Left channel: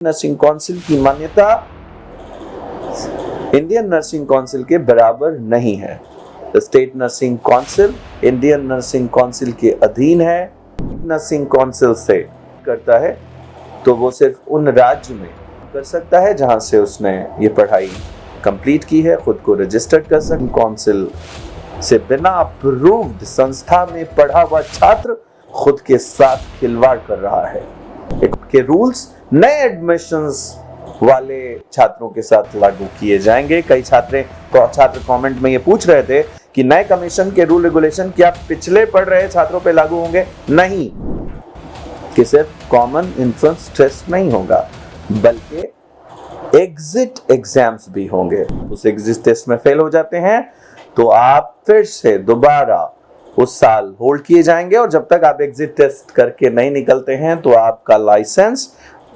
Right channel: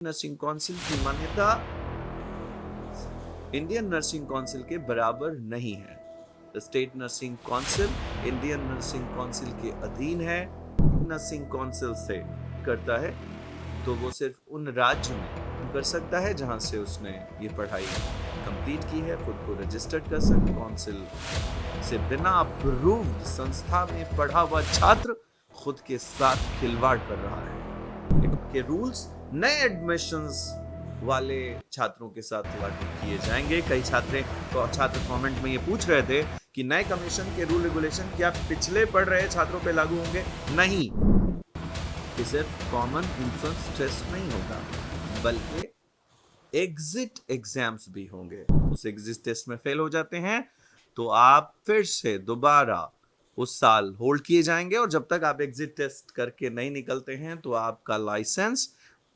Nursing Council की मान्यता Indian Nursing council के बराबर नहीं है। State nursing council Indian Nursing council के अधीन है। नर्सिंग काउंसिल से करता है तो वो सिर्फ उन राज्य में कर सकता है जहां से उसने ये पढ़ाई कंप्लीट की है, खुद को रजिस्टर्ड कर सकता। काउंसिल से बिना अप्रूव्ड संस्था में पढ़ा हुआ छात्र खुद के साथ खिलवाड़ कर रहा है। के रूल्स नए एडमिशंस वाले छात्रों के साथ लागू किए जाएंगे। कई छात्र कमेंट में ये पूछ रहे थे कि नए कमीशन के रूल रेगुलेशन क्या पिछले पढ़ रहे छात्रों पे लागू होंगे? नहीं, कि सिर्फ कॉमन एंट्रेंस टेस्ट नहीं होगा बल्कि एग्जिट एग्जाम्स भी होंगे। उस एग्जिट टेस्ट में फेल हो जाते हैं तो आप फिर से दोबारा उस साल होल्ड किए जाएंगे और जब तक आप एग्जिट टेस्ट करके नहीं निकलते हैं तो आपका लाइसेंस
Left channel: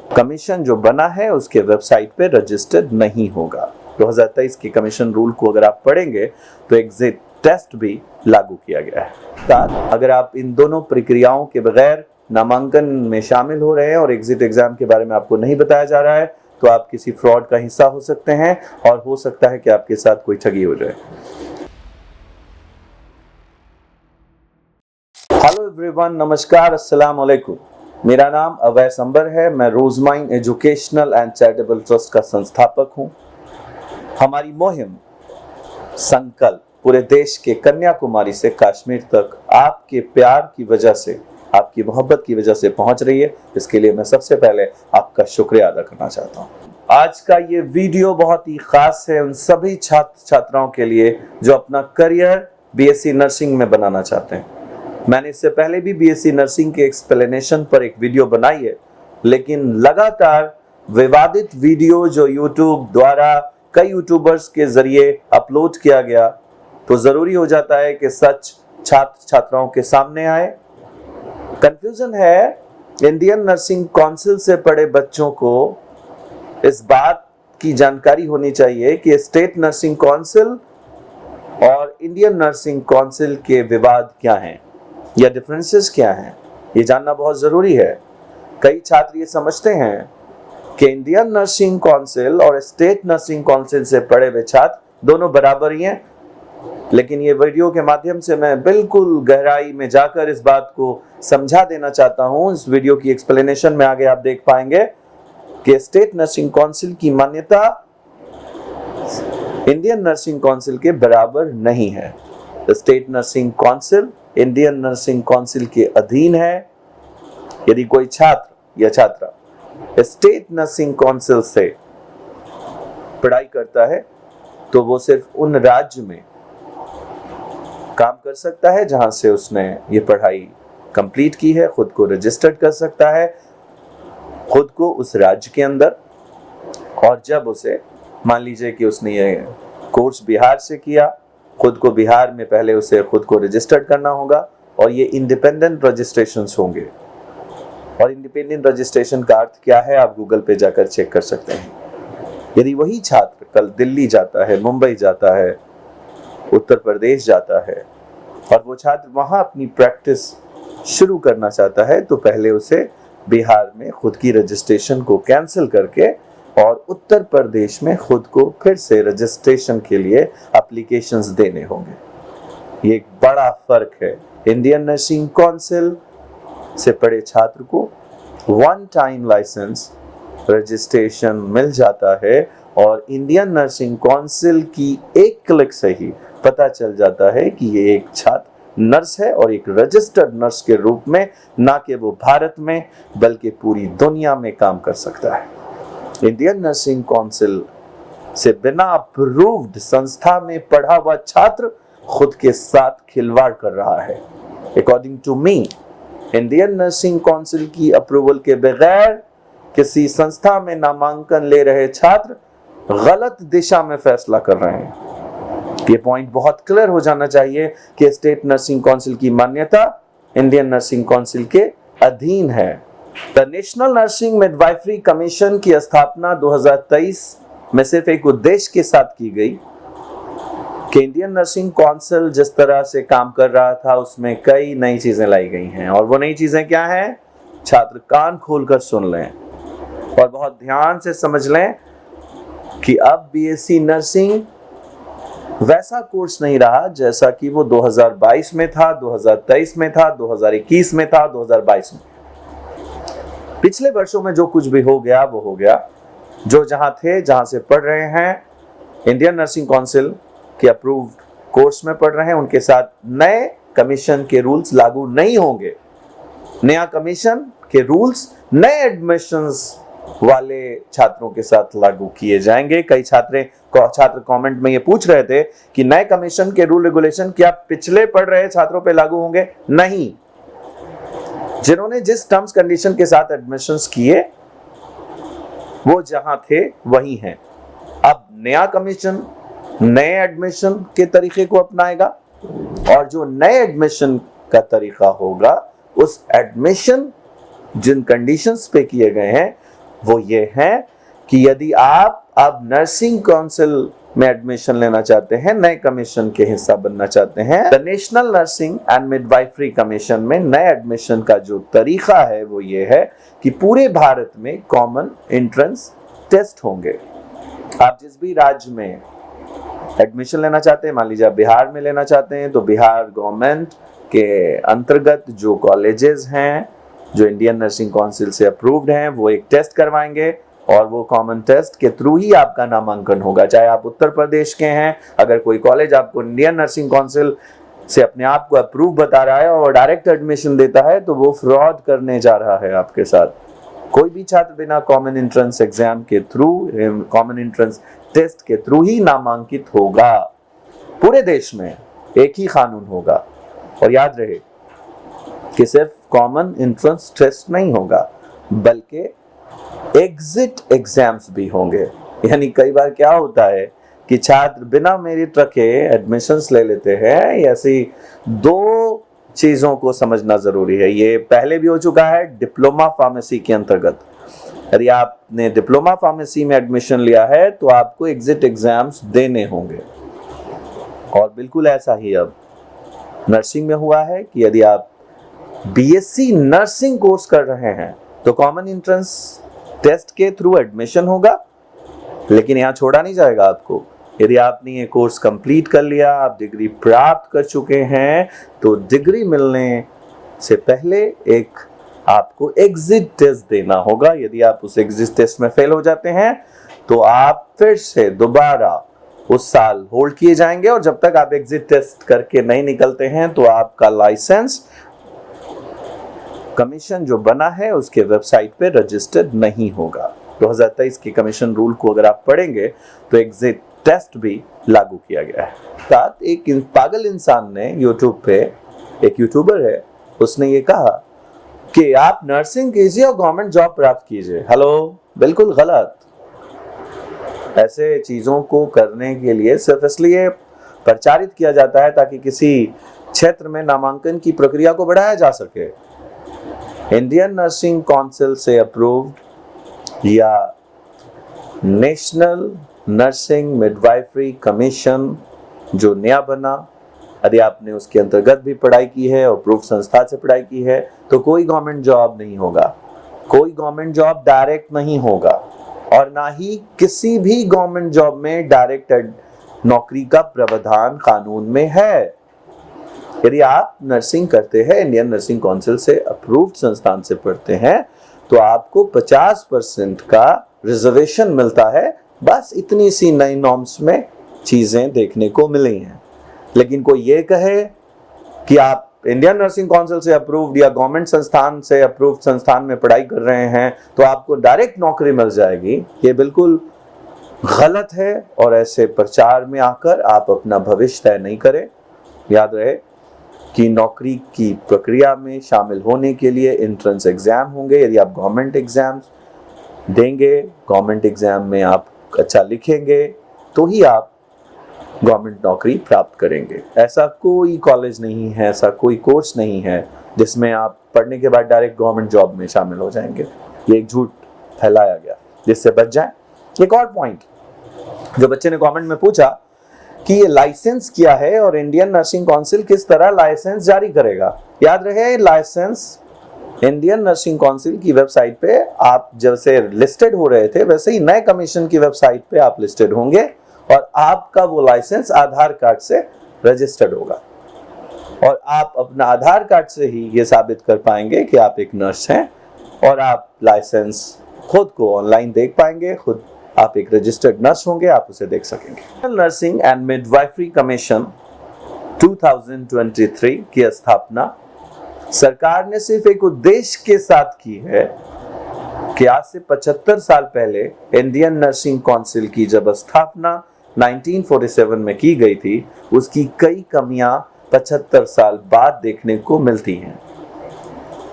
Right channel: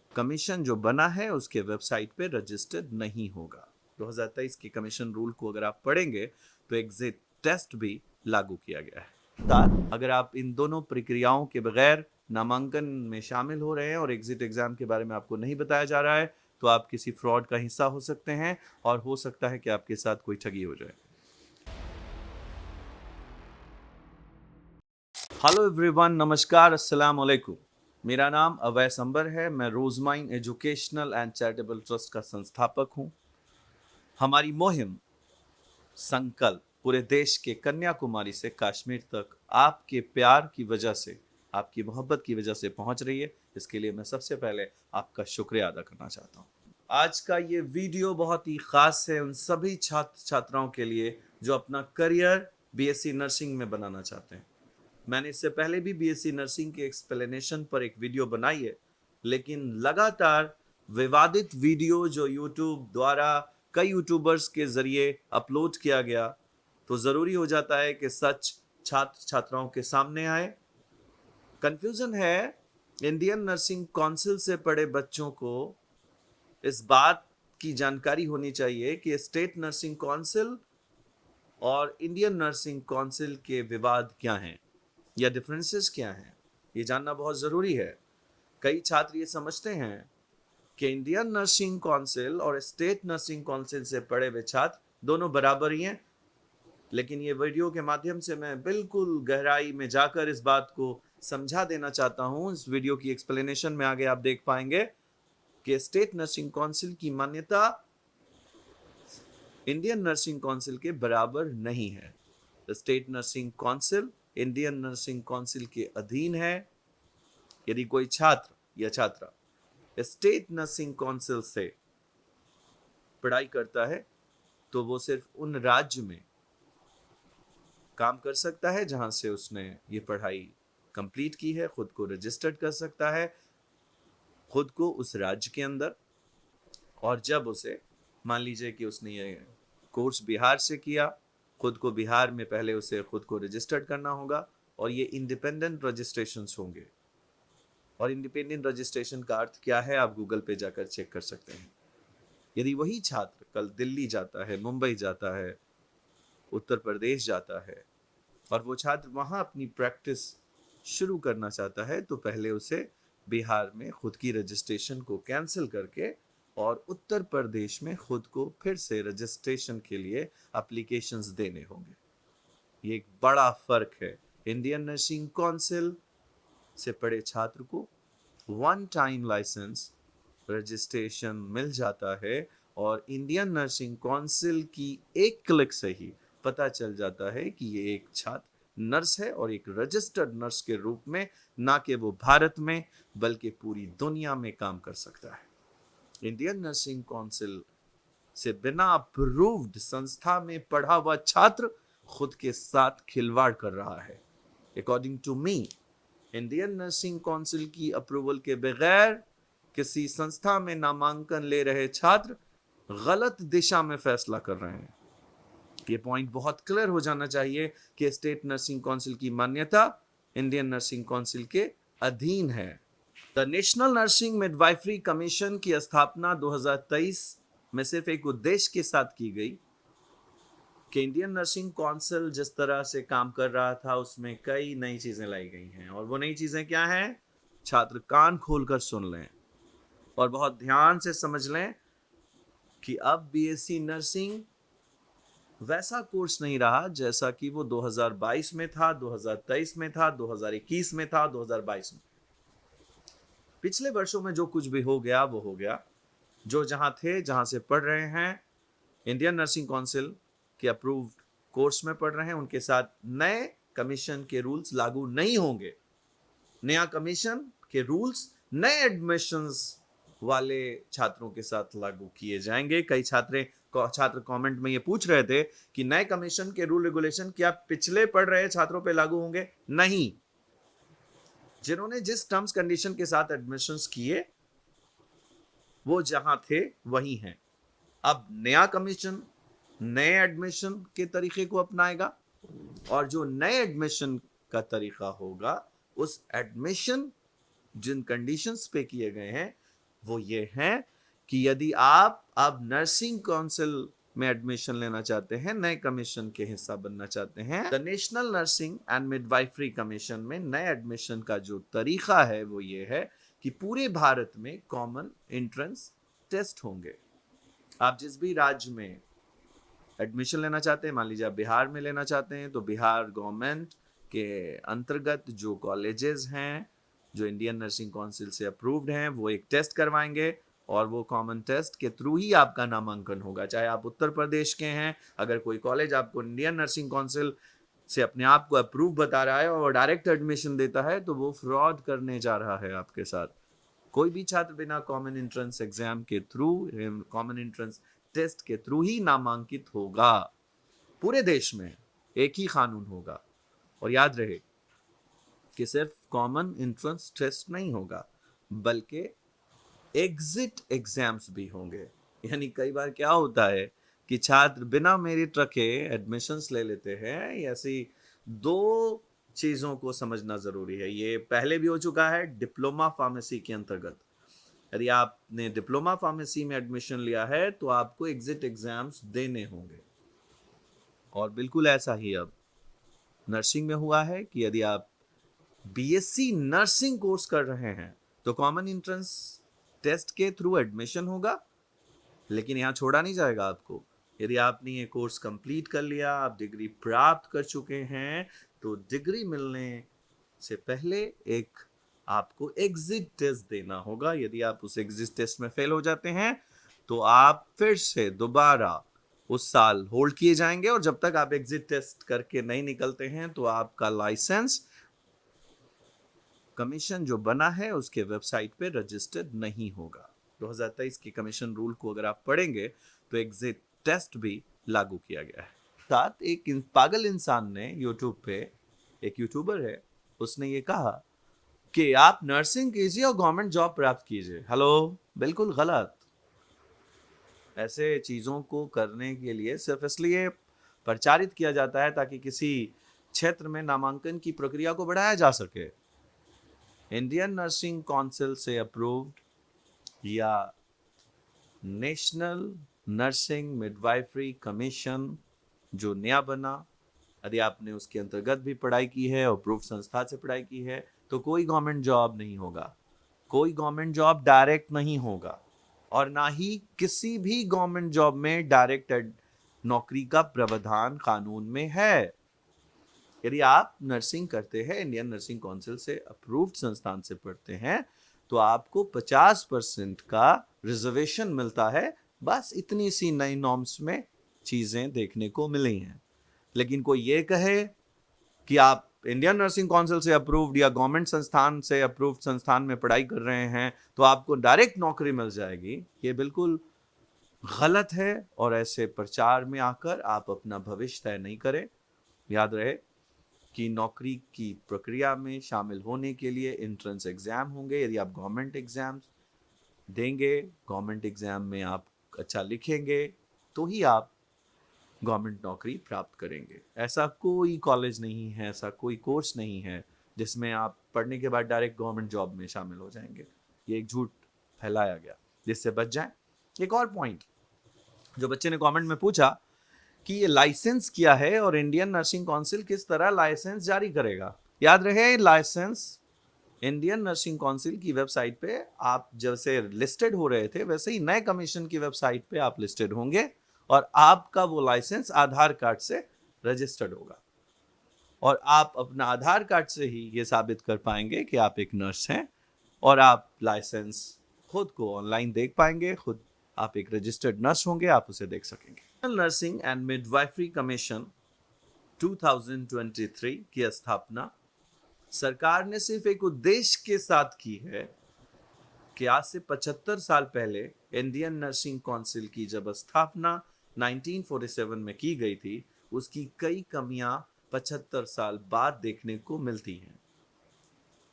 कमीशन जो बना है उसके वेबसाइट पे रजिस्टर्ड नहीं होगा। 2023 के कमीशन रूल को अगर आप पढ़ेंगे तो एग्जिट टेस्ट भी लागू किया गया है। अगर आप इन दोनों प्रक्रियाओं के बगैर नामांकन में शामिल हो रहे हैं और एग्जिट एग्जाम के बारे में आपको नहीं बताया जा रहा है तो आप किसी फ्रॉड का हिस्सा हो सकते हैं और हो सकता है कि आपके साथ कोई ठगी हो जाए। हेलो एवरीवन, नमस्कार, अस्सलाम वालेकुम। मेरा नाम अवैस अंबर है। मैं रोजमाइन एजुकेशनल एंड चैरिटेबल ट्रस्ट का संस्थापक हूं। हमारी मुहिम संकल्प पूरे देश के कन्याकुमारी से कश्मीर तक आपके प्यार की वजह से, आपकी मोहब्बत की वजह से पहुंच रही है। इसके लिए मैं सबसे पहले आपका शुक्रिया अदा करना चाहता हूं। आज का ये वीडियो बहुत ही खास है उन सभी छात्र छात्राओं के लिए जो अपना करियर बीएससी नर्सिंग में बनाना चाहते हैं। मैंने इससे पहले भी बीएससी नर्सिंग के एक्सप्लेनेशन पर एक वीडियो बनाई है, लेकिन लगातार विवादित वीडियो जो यूट्यूब द्वारा कई यूट्यूबर्स के जरिए अपलोड किया गया तो जरूरी हो जाता है कि सच छात्र छात्राओं के सामने आए। कंफ्यूजन है, इंडियन नर्सिंग काउंसिल से पढ़े बच्चों को इस बात की जानकारी होनी चाहिए कि स्टेट नर्सिंग काउंसिल और इंडियन नर्सिंग काउंसिल के विवाद क्या हैं या डिफरेंसेस क्या हैं, ये जानना बहुत जरूरी है। कई छात्र ये समझते हैं कि इंडियन नर्सिंग काउंसिल और स्टेट नर्सिंग काउंसिल से पढ़े हुए छात्र दोनों बराबर ही हैं, लेकिन ये वीडियो के माध्यम से मैं बिल्कुल गहराई में जाकर इस बात को समझा देना चाहता हूं। इस वीडियो की एक्सप्लेनेशन में आगे आप देख पाएंगे कि स्टेट नर्सिंग काउंसिल की मान्यता इंडियन नर्सिंग काउंसिल के बराबर नहीं है। State nursing council Indian Nursing council के अधीन है। यदि कोई छात्र या छात्रा स्टेट नर्सिंग काउंसिल से पढ़ाई करता है तो वो सिर्फ उन राज्य में काम कर सकता है जहां से उसने ये पढ़ाई कंप्लीट की है, खुद को रजिस्टर्ड कर सकता है खुद को उस राज्य के अंदर। और जब उसे मान लीजिए कि उसने ये कोर्स बिहार से किया, खुद को बिहार में पहले उसे खुद को रजिस्टर्ड करना होगा और ये इंडिपेंडेंट रजिस्ट्रेशंस होंगे। और इंडिपेंडेंट रजिस्ट्रेशन का अर्थ क्या है आप गूगल पे जाकर चेक कर सकते हैं। यदि वही छात्र कल दिल्ली जाता है, मुंबई जाता है, उत्तर प्रदेश जाता है और वो छात्र वहां अपनी प्रैक्टिस शुरू करना चाहता है तो पहले उसे बिहार में खुद की रजिस्ट्रेशन को कैंसिल करके और उत्तर प्रदेश में खुद को फिर से रजिस्ट्रेशन के लिए एप्लीकेशंस देने होंगे। ये एक बड़ा फर्क है। इंडियन नर्सिंग काउंसिल से पढ़े छात्र को वन टाइम लाइसेंस रजिस्ट्रेशन मिल जाता है और इंडियन नर्सिंग काउंसिल की एक क्लिक से ही पता चल जाता है कि ये एक छात्र नर्स है और एक रजिस्टर्ड नर्स के रूप में, ना कि वो भारत में बल्कि पूरी दुनिया में काम कर सकता है। इंडियन नर्सिंग काउंसिल से बिना अप्रूव्ड संस्था में पढ़ा हुआ छात्र खुद के साथ खिलवाड़ कर रहा है। According to me, Indian Nursing Council की अप्रूवल के बगैर किसी संस्था में नामांकन ले रहे छात्र गलत दिशा में फैसला कर रहे हैं। ये पॉइंट बहुत क्लियर हो जाना चाहिए कि स्टेट नर्सिंग काउंसिल की मान्यता इंडियन नर्सिंग काउंसिल के अधीन है। The national nursing midwifery commission की स्थापना 2023 में सिर्फ एक उद्देश्य के साथ की गई कि इंडियन नर्सिंग काउंसिल जिस तरह से काम कर रहा था उसमें कई नई चीजें लाई गई हैं। और वो नई चीजें क्या हैं? छात्र कान खोलकर सुन लें। और बहुत ध्यान से समझ लें कि अब बीएससी नर्सिंग वैसा कोर्स नहीं रहा जैसा कि वो 2022 में था, 2023 में था, 2021 में था, 2022 में। पिछले वर्षों में जो कुछ भी हो गया वो हो गया। जो जहां थे, जहां से पढ़ रहे हैं, इंडियन नर्सिंग काउंसिल के अप्रूव्ड कोर्स में पढ़ रहे हैं, उनके साथ नए कमीशन के रूल्स लागू नहीं होंगे। नया कमीशन के रूल्स नए एडमिशंस वाले छात्रों के साथ लागू किए जाएंगे। कई छात्र कमेंट में ये पूछ रहे थे कि नए कमीशन के रूल रेगुलेशन क्या पिछले पढ़ रहे छात्रों पे लागू होंगे? नहीं। जिन्होंने जिस टर्म्स कंडीशन के साथ एडमिशंस किए वो जहां थे वही हैं। अब नया कमीशन नए एडमिशन के तरीके को अपनाएगा और जो नए एडमिशन का तरीका होगा, उस एडमिशन जिन कंडीशंस पे किए गए हैं वो ये हैं कि यदि आप अब नर्सिंग काउंसिल में एडमिशन लेना चाहते हैं, नए कमीशन के हिस्सा बनना चाहते हैं, the national nursing and midwifery commission में नए एडमिशन का जो तरीका है वो ये है कि पूरे भारत में कॉमन एंट्रेंस टेस्ट होंगे। आप जिस भी राज्य में एडमिशन लेना चाहते हैं, मान लीजिए आप बिहार में लेना चाहते हैं, तो बिहार गवर्नमेंट के अंतर्गत जो कॉलेजेस हैं जो इंडियन नर्सिंग काउंसिल से अप्रूव्ड हैं, वो एक टेस्ट करवाएंगे और वो कॉमन टेस्ट के थ्रू ही आपका नामांकन होगा। चाहे आप उत्तर प्रदेश के हैं, अगर कोई कॉलेज आपको इंडियन नर्सिंग काउंसिल से अपने आप को अप्रूव बता रहा है और डायरेक्ट एडमिशन देता है, तो वो फ्रॉड करने जा रहा है आपके साथ। कोई भी छात्र बिना कॉमन एंट्रेंस एग्जाम के थ्रू, कॉमन एंट्रेंस टेस्ट के थ्रू ही नामांकित होगा। पूरे देश में एक ही कानून होगा। और याद रहे कि सिर्फ कॉमन एंट्रेंस टेस्ट नहीं होगा, बल्कि एग्जिट एग्जाम्स भी होंगे। यानी कई बार क्या होता है कि छात्र बिना मेरिट रखे एडमिशंस ले लेते हैं। ऐसी दो चीजों को समझना जरूरी है। ये पहले भी हो चुका है डिप्लोमा फार्मेसी के अंतर्गत। यदि आपने डिप्लोमा फार्मेसी में एडमिशन लिया है तो आपको एग्जिट एग्जाम्स देने होंगे। और बिल्कुल ऐसा ही अब नर्सिंग में हुआ है कि यदि आप बीएससी नर्सिंग कोर्स कर रहे हैं तो कॉमन एंट्रेंस टेस्ट के थ्रू एडमिशन होगा, लेकिन यहाँ छोड़ा नहीं जाएगा आपको। यदि आपने ये कोर्स कंप्लीट कर लिया, आप डिग्री प्राप्त कर चुके हैं, तो डिग्री मिलने से पहले एक आपको एग्जिट टेस्ट देना होगा। यदि आप उस एग्जिट टेस्ट में फेल हो जाते हैं तो आप फिर से दोबारा उस साल होल्ड किए जाएंगे और जब तक आप एग्जिट टेस्ट करके नहीं निकलते हैं तो आपका लाइसेंस कमीशन जो बना है उसके वेबसाइट पे रजिस्टर्ड नहीं होगा। 2023 के कमीशन रूल को अगर आप पढ़ेंगे तो एग्जिट टेस्ट भी लागू किया गया है। साथ एक पागल इंसान ने यूट्यूब पे, एक यूट्यूबर है, उसने ये कहा कि आप नर्सिंग कीजिए और गवर्नमेंट जॉब प्राप्त कीजिए। हेलो, बिल्कुल गलत। ऐसे चीजों को करने के लिए सिर्फ इसलिए प्रचारित किया जाता है ताकि किसी क्षेत्र में नामांकन की प्रक्रिया को बढ़ाया जा सके। इंडियन नर्सिंग काउंसिल से अप्रूव्ड या नेशनल नर्सिंग मिडवाइफरी कमीशन जो नया बना, यदि आपने उसके अंतर्गत भी पढ़ाई की है और अप्रूव्ड संस्था से पढ़ाई की है तो कोई गवर्नमेंट जॉब नहीं होगा, कोई गवर्नमेंट जॉब डायरेक्ट नहीं होगा और ना ही किसी भी गवर्नमेंट जॉब में डायरेक्ट नौकरी का प्रावधान कानून में है। यदि आप नर्सिंग करते हैं, इंडियन नर्सिंग काउंसिल से अप्रूव्ड संस्थान से पढ़ते हैं, तो आपको 50% का रिजर्वेशन मिलता है। बस इतनी सी नई नॉर्म्स में चीजें देखने को मिली हैं। लेकिन कोई ये कहे कि आप इंडियन नर्सिंग काउंसिल से अप्रूव्ड या गवर्नमेंट संस्थान से अप्रूव्ड संस्थान में पढ़ाई कर रहे हैं तो आपको डायरेक्ट नौकरी मिल जाएगी, ये बिल्कुल गलत है। और ऐसे प्रचार में आकर आप अपना भविष्य तय नहीं करें। याद रहे कि नौकरी की प्रक्रिया में शामिल होने के लिए एंट्रेंस एग्जाम होंगे। यदि आप गवर्नमेंट एग्जाम्स देंगे, गवर्नमेंट एग्जाम में आप अच्छा लिखेंगे, तो ही आप गवर्नमेंट नौकरी प्राप्त करेंगे। ऐसा कोई कॉलेज नहीं है, ऐसा कोई कोर्स नहीं है जिसमें आप पढ़ने के बाद डायरेक्ट गवर्नमेंट जॉब में शामिल हो जाएंगे। ये एक झूठ फैलाया गया, जिससे बच जाए। एक और पॉइंट जो बच्चे ने कमेंट में पूछा कि ये लाइसेंस क्या है और इंडियन नर्सिंग काउंसिल किस तरह लाइसेंस जारी करेगा। याद रहे, लाइसेंस इंडियन नर्सिंग काउंसिल की वेबसाइट पे आप जैसे लिस्टेड हो रहे थे वैसे ही नए कमीशन की वेबसाइट पे आप लिस्टेड होंगे और आपका वो लाइसेंस आधार कार्ड से रजिस्टर्ड होगा और आप अपना आधार कार्ड से ही ये साबित कर पाएंगे कि आप एक नर्स हैं और आप लाइसेंस खुद को ऑनलाइन देख पाएंगे, खुद आप एक रजिस्टर्ड नर्स होंगे, आप उसे देख सकेंगे। नर्सिंग एंड मिडवाइफरी कमीशन 2023 की स्थापना सरकार ने सिर्फ एक उद्देश्य के साथ की है कि आज से 75 साल पहले इंडियन नर्सिंग काउंसिल की जब स्थापना 1947 में की गई थी, उसकी कई कमियां 75 साल बाद देखने को मिलती हैं।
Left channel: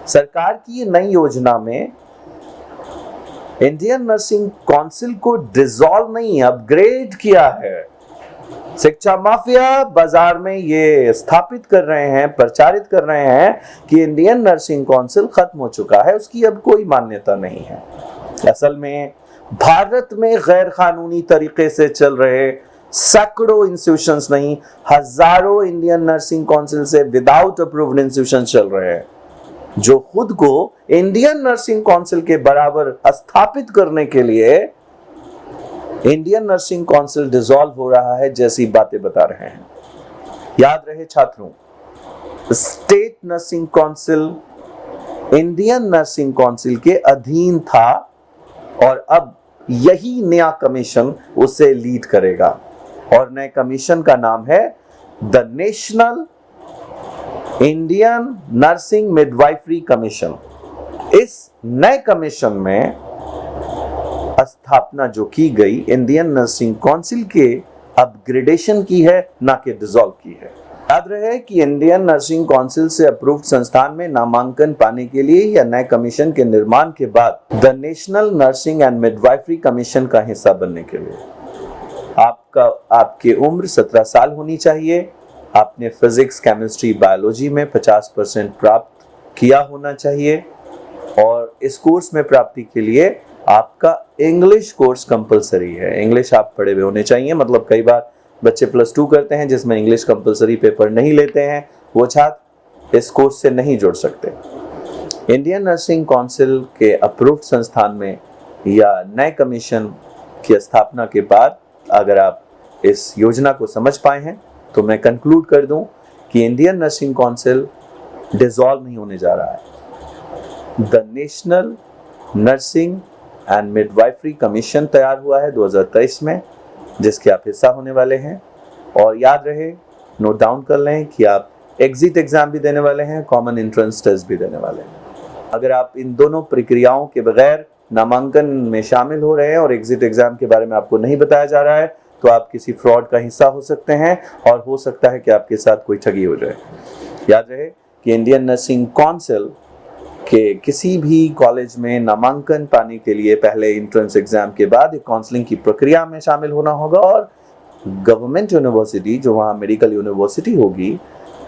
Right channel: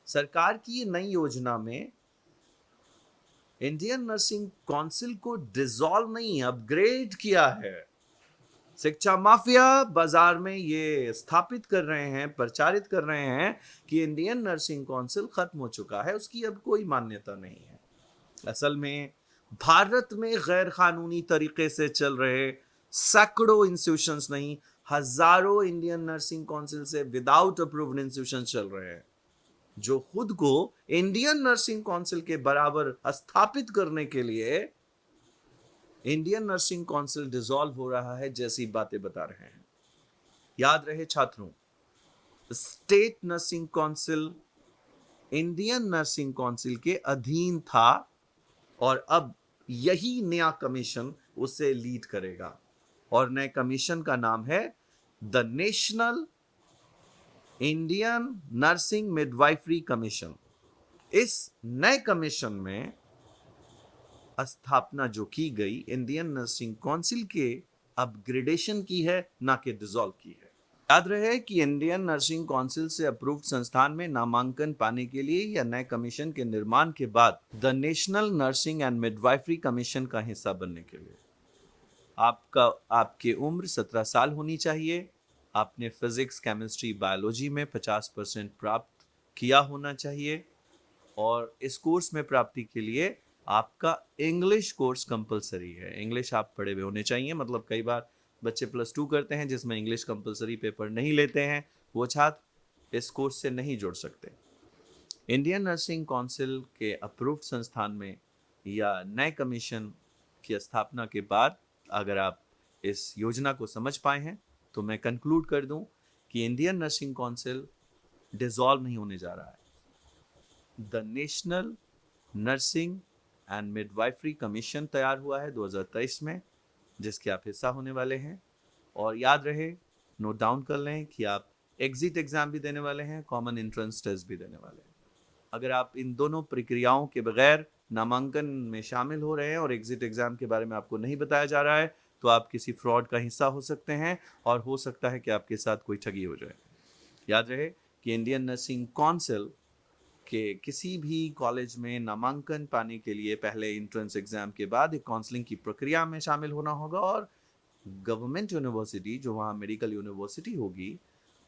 सरकार की ये नई योजना में इंडियन नर्सिंग काउंसिल को डिसॉल्व नहीं, अपग्रेड किया है। शिक्षा माफिया बाजार में ये स्थापित कर रहे हैं, प्रचारित कर रहे हैं कि इंडियन नर्सिंग काउंसिल खत्म हो चुका है, उसकी अब कोई मान्यता नहीं है। असल में भारत में गैर कानूनी तरीके से चल रहे सैकड़ों इंस्टीट्यूशंस नहीं, हजारों इंडियन नर्सिंग काउंसिल से विदाउट अप्रूव्ड इंस्टीट्यूशन चल रहे हैं, जो खुद को इंडियन नर्सिंग काउंसिल के बराबर स्थापित करने के लिए इंडियन नर्सिंग काउंसिल डिसॉल्व हो रहा है जैसी बातें बता रहे हैं। याद रहे छात्रों, state nursing council Indian Nursing council के अधीन था और अब यही नया कमीशन उसे लीड करेगा और नए कमीशन का नाम है the national Indian nursing midwifery commission. इस नए कमीशन में स्थापना जो की गई इंडियन नर्सिंग काउंसिल के अपग्रेडेशन की है, ना कि डिसॉल्व की है। याद रहे कि इंडियन नर्सिंग काउंसिल से अप्रूव्ड संस्थान में नामांकन पाने के लिए या नए कमीशन के निर्माण के बाद the national nursing and midwifery commission का हिस्सा बनने के लिए आपकी उम्र 17 साल होनी चाहिए, आपने फिजिक्स, केमिस्ट्री, बायोलॉजी में 50% प्राप्त किया होना चाहिए और इस कोर्स में प्राप्ति के लिए आपका इंग्लिश कोर्स कंपलसरी है। इंग्लिश आप पढ़े हुए होने चाहिए। मतलब कई बार बच्चे +2 करते हैं जिसमें इंग्लिश कंपलसरी पेपर नहीं लेते हैं, वो छात्र इस कोर्स से नहीं जुड़ सकते। इंडियन नर्सिंग काउंसिल के अप्रूव्ड संस्थान में या नए कमीशन की स्थापना के बाद अगर आप इस योजना को समझ पाए हैं तो मैं कंक्लूड कर दूं कि इंडियन नर्सिंग काउंसिल डिसॉल्व नहीं होने जा रहा है। The national nursing and midwifery commission तैयार हुआ है 2023 में, जिसके आप हिस्सा होने वाले हैं। और याद रहे, नोट डाउन कर लें कि आप एग्जिट एग्जाम भी देने वाले हैं, कॉमन एंट्रेंस टेस्ट भी देने वाले हैं। अगर आप इन दोनों प्रक्रियाओं के बगैर नामांकन में शामिल हो रहे हैं और एग्जिट एग्जाम के बारे में आपको नहीं बताया जा रहा है तो आप किसी फ्रॉड का हिस्सा हो सकते हैं और हो सकता है कि आपके साथ कोई ठगी हो जाए। याद रहे कि इंडियन नर्सिंग काउंसिल के किसी भी कॉलेज में नामांकन पाने के लिए पहले एंट्रेंस एग्जाम के बाद एक काउंसलिंग की प्रक्रिया में शामिल होना होगा और गवर्नमेंट यूनिवर्सिटी जो वहाँ मेडिकल यूनिवर्सिटी होगी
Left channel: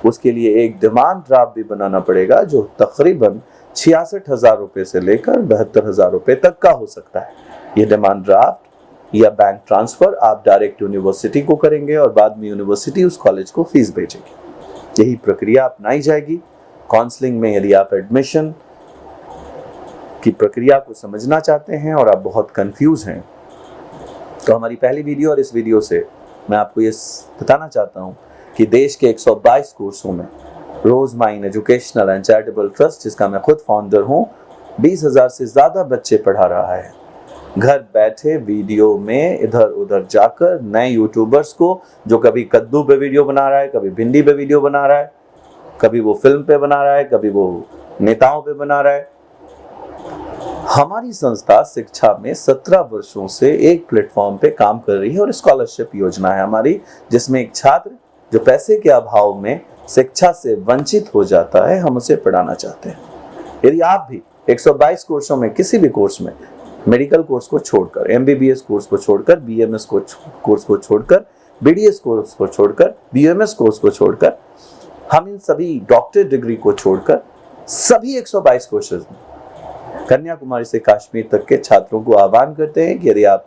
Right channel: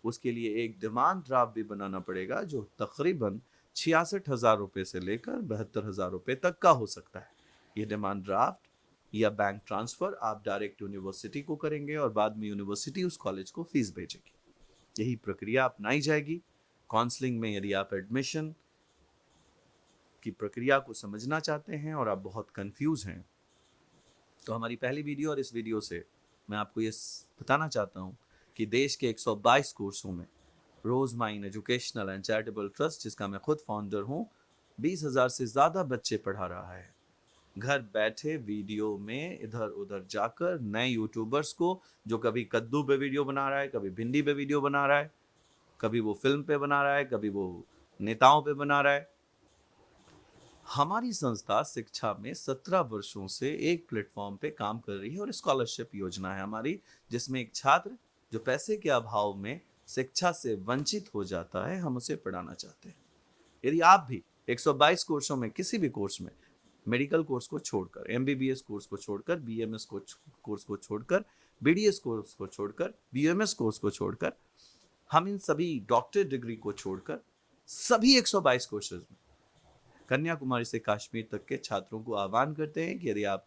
उसके लिए एक डिमांड ड्राफ्ट भी बनाना पड़ेगा जो तकरीबन 66,000 रुपये से लेकर 72,000 रुपये तक का हो सकता है। ये डिमांड ड्राफ्ट या बैंक ट्रांसफर आप डायरेक्ट यूनिवर्सिटी को करेंगे और बाद में यूनिवर्सिटी उस कॉलेज को फीस भेजेगी। यही प्रक्रिया अपनाई जाएगी काउंसलिंग में। यदि आप एडमिशन की प्रक्रिया को समझना चाहते हैं और आप बहुत कंफ्यूज हैं तो हमारी पहली वीडियो और इस वीडियो से मैं आपको ये बताना चाहता हूँ कि देश के 122 कोर्सों में Rose Mine educational and charitable trust, जिसका मैं खुद फाउंडर हूँ, 20,000 से ज़्यादा बच्चे पढ़ा रहा है। घर बैठे वीडियो में इधर उधर जाकर नए यूट्यूबर्स को, जो कभी कद्दू पे वीडियो बना रहा है, कभी भिंडी पे वीडियो बना रहा है, कभी वो फिल्म पे बना रहा है, कभी वो नेताओं पे बना रहा है। हमारी संस्था शिक्षा में 17 वर्षों से एक प्लेटफॉर्म पे काम कर रही है और स्कॉलरशिप योजना है हमारी, जिसमें एक छात्र जो पैसे के अभाव में शिक्षा से वंचित हो जाता है, हम उसे पढ़ाना चाहते हैं। यदि आप भी 122 कोर्सों में किसी भी कोर्स में, मेडिकल कोर्स को छोड़कर, MBBS कोर्स को छोड़कर, BMS कोर्स को छोड़कर, BDS कोर्स को छोड़कर, BMS कोर्स को छोड़कर, हम इन सभी डॉक्टर डिग्री को छोड़कर सभी 122 कोर्सेज में कन्याकुमारी से कश्मीर तक के छात्रों को आह्वान करते हैं कि यदि आप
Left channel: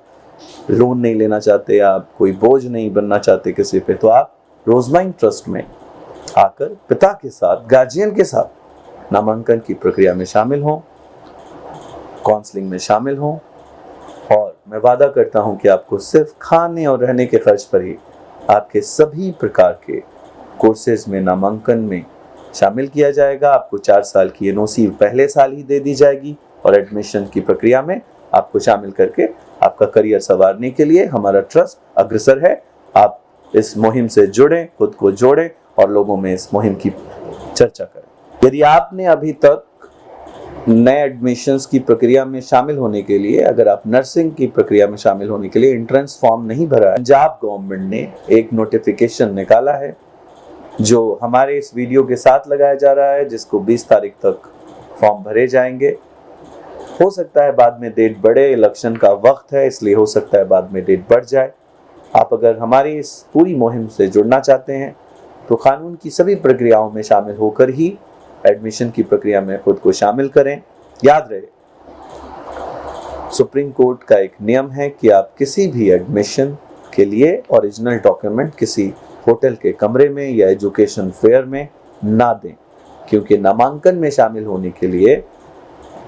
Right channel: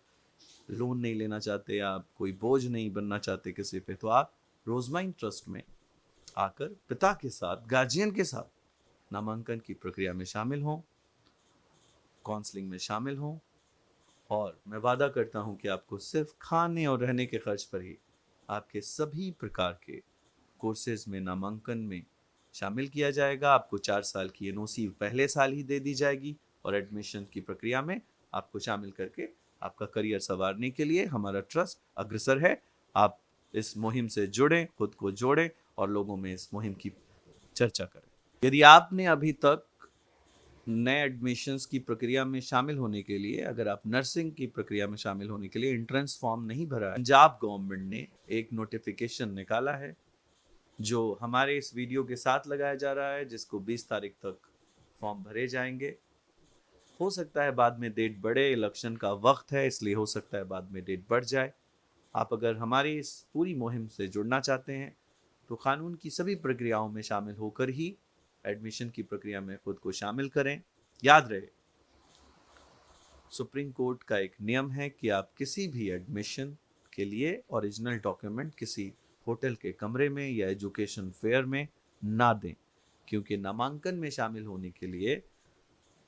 लोन नहीं लेना चाहते, आप कोई बोझ नहीं बनना चाहते किसी पे, तो आप रोजमाइन ट्रस्ट में आकर पिता के साथ, गार्जियन के साथ नामांकन की प्रक्रिया में शामिल हों, काउंसलिंग में शामिल हों, और मैं वादा करता हूं कि आपको सिर्फ खाने और रहने के खर्च पर ही आपके सभी प्रकार के कोर्सेज में नामांकन में शामिल किया जाएगा। आपको 4 साल की एनओसी पहले साल ही दे दी जाएगी और एडमिशन की प्रक्रिया में आपको शामिल करके आपका करियर संवारने के लिए हमारा ट्रस्ट अग्रसर है। आप इस मुहिम से जुड़ें, खुद को जोड़ें और लोगों में इस मुहिम की चर्चा करें। यदि आपने अभी तक नए एडमिशन्स की प्रक्रिया में शामिल होने के लिए, अगर आप नर्सिंग की प्रक्रिया में शामिल होने के लिए एंट्रेंस फॉर्म नहीं भरा है, पंजाब गवर्नमेंट ने एक नोटिफिकेशन निकाला है जो हमारे इस वीडियो के साथ लगाया जा रहा है, जिसको 20 तारीख तक फॉर्म भरे जाएंगे। हो सकता है बाद में डेट बढ़े, इलेक्शन का वक्त है, इसलिए हो सकता है बाद में डेट बढ़ जाए। आप अगर हमारी इस पूरी मुहिम से जुड़ना चाहते हैं तो कानून की सभी प्रक्रियाओं में शामिल होकर ही एडमिशन की प्रक्रिया में खुद को शामिल करें। याद रहे, सुप्रीम कोर्ट का एक नियम है कि आप किसी भी एडमिशन के लिए ओरिजिनल डॉक्यूमेंट किसी होटल के कमरे में या एजुकेशन फेयर में ना दें, क्योंकि नामांकन में शामिल होने के लिए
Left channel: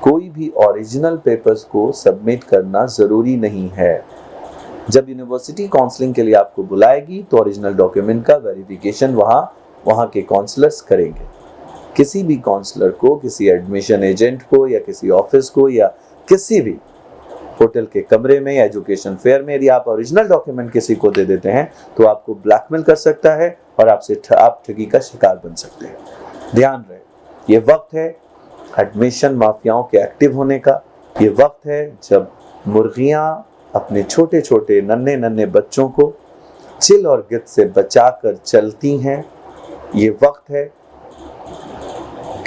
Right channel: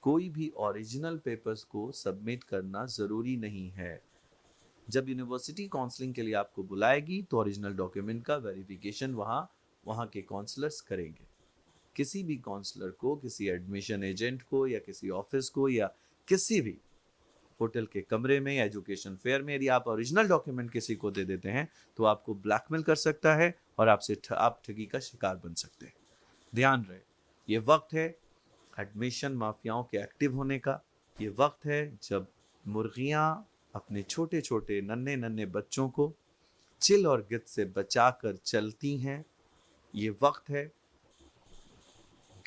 कोई भी ओरिजिनल पेपर्स को सबमिट करना जरूरी नहीं है। जब यूनिवर्सिटी काउंसलिंग के लिए आपको बुलाएगी तो ओरिजिनल डॉक्यूमेंट का वेरिफिकेशन वहाँ के काउंसलर्स करेंगे। किसी भी काउंसलर को, किसी एडमिशन एजेंट को या किसी ऑफिस को या किसी भी होटल के कमरे में या एजुकेशन फेयर में यदि आप ओरिजिनल डॉक्यूमेंट किसी को दे देते हैं तो आपको ब्लैकमेल कर सकता है और आप ठगी का शिकार बन सकते हैं। ध्यान रहे, ये वक्त है एडमिशन माफियाओं के एक्टिव होने का। ये वक्त है जब मुर्गियां अपने छोटे छोटे नन्हे नन्हे बच्चों को चिल और गिद्ध से बचाकर चलती हैं। ये वक्त है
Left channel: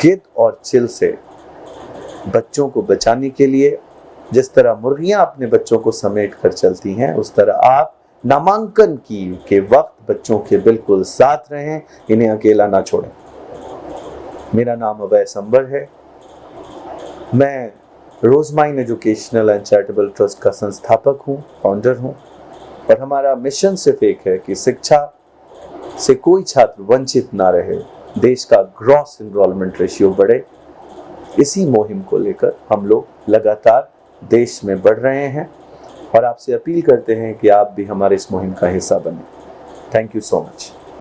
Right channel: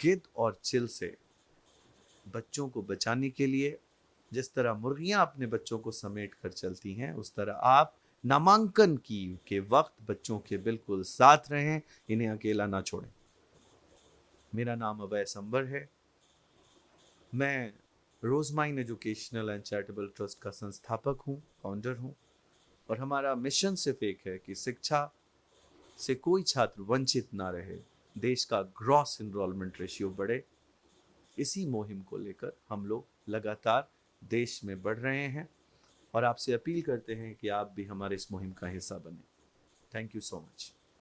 गिद्ध और चिल से बच्चों को बचाने के लिए। जिस तरह मुर्गियां अपने बच्चों को समेट कर चलती हैं, उस तरह आप नामांकन के वक्त बच्चों के बिल्कुल साथ रहें, इन्हें अकेला ना छोड़ें। मेरा नाम अभय संबर है, मैं रोजमाइन एजुकेशनल एंड चैरिटेबल ट्रस्ट का संस्थापक हूँ, फाउंडर हूँ, और हमारा मिशन सिर्फ एक है कि शिक्षा से कोई छात्र वंचित ना रहे, देश का ग्रॉस एनरोलमेंट रेशियो बढ़े। इसी मुहिम को लेकर हम लोग लगातार देश में बढ़ रहे हैं और आपसे अपील करते हैं कि आप भी हमारे इस मुहिम का हिस्सा बने। Thank you so much.